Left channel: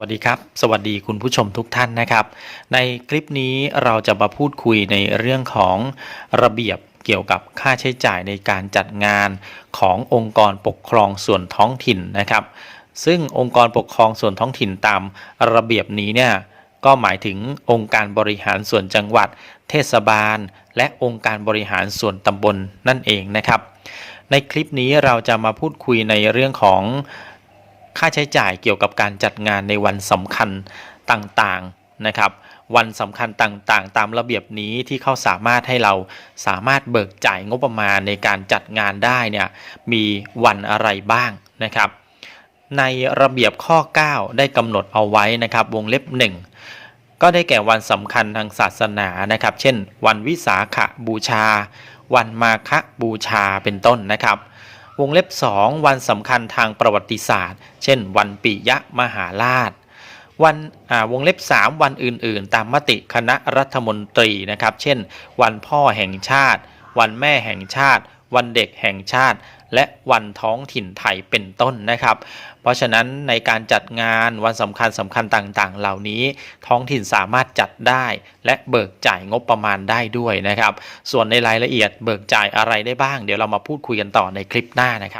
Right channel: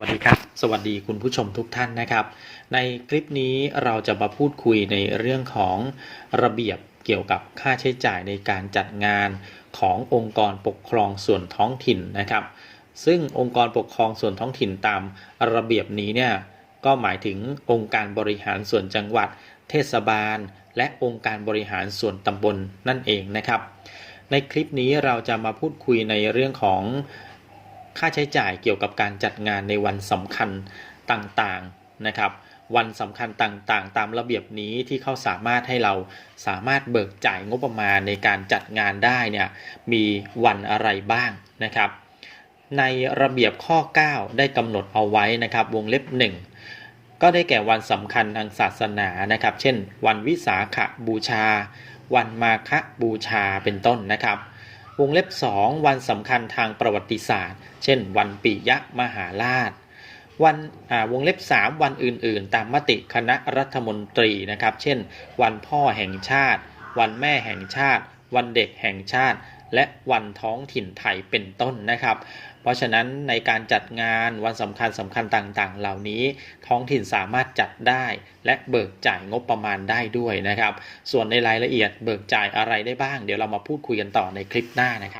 สวัสดีครับ สวัสดีคุณผู้ชมทุกท่านนะครับ ในคลิปนี้เราจะมาพูดคุยในเรื่องของระเบียบเกี่ยวกับค่าใช้จ่ายในการจัดงานขององค์กรปกครองส่วนท้องถิ่นนะครับ ซึ่งองค์กรปกครองส่วนท้องถิ่นตามระเบียบนี้เนี่ยก็หมายถึงองค์การบริหารส่วนจังหวัด เทศบาล และองค์การบริหารส่วนตำบลนั่นเองนะครับ ในคลิปนี้เราจะมาพูดคุยในเรื่องของ ค่าใช้จ่ายเกี่ยวกับการจัดงานในวันสำคัญต่างๆนะครับ วันสำคัญต่างๆ ตามระเบียบนี้ที่เขาสามารถให้เราสามารถเบิกจ่ายงบประมาณในการจัดงานได้เนี่ยมีวันอะไรบ้างนะครับ ในระเบียบข้อ 9 ได้กำหนดเอาไว้นะครับ วงเล็บ 1 ก็ได้แก่วันสำคัญทางศาสนานะครับ เช่น วันวิสาขบูชา วันมาฆบูชาเป็นต้นนะครับ วงเล็บ 2 วันสำคัญทางประวัติศาสตร์ เช่น วันปิยมหาราช วันวงเล็บ 3 วันอื่น ๆ ตามมติคณะรัฐมนตรีนะครับ เช่น วันพ่อแห่งชาติ วันแม่แห่งชาติ วันเด็กแห่งชาติ และวันท้องถิ่นไทยเป็นต้นนะครับ เพราะฉะนั้นในการจัดงานวันสำคัญสำคัญต่างๆ เหล่านี้ท้องถิ่นสามารถจัดได้ และเบิกจ่ายงบประมาณได้ด้วยนะครับ ส่วนในรายละเอียดเบิกจ่ายอะไรได้บ้าง เดี๋ยวเรามาพูดคุยกันต่อในคลิปหน้านะครับ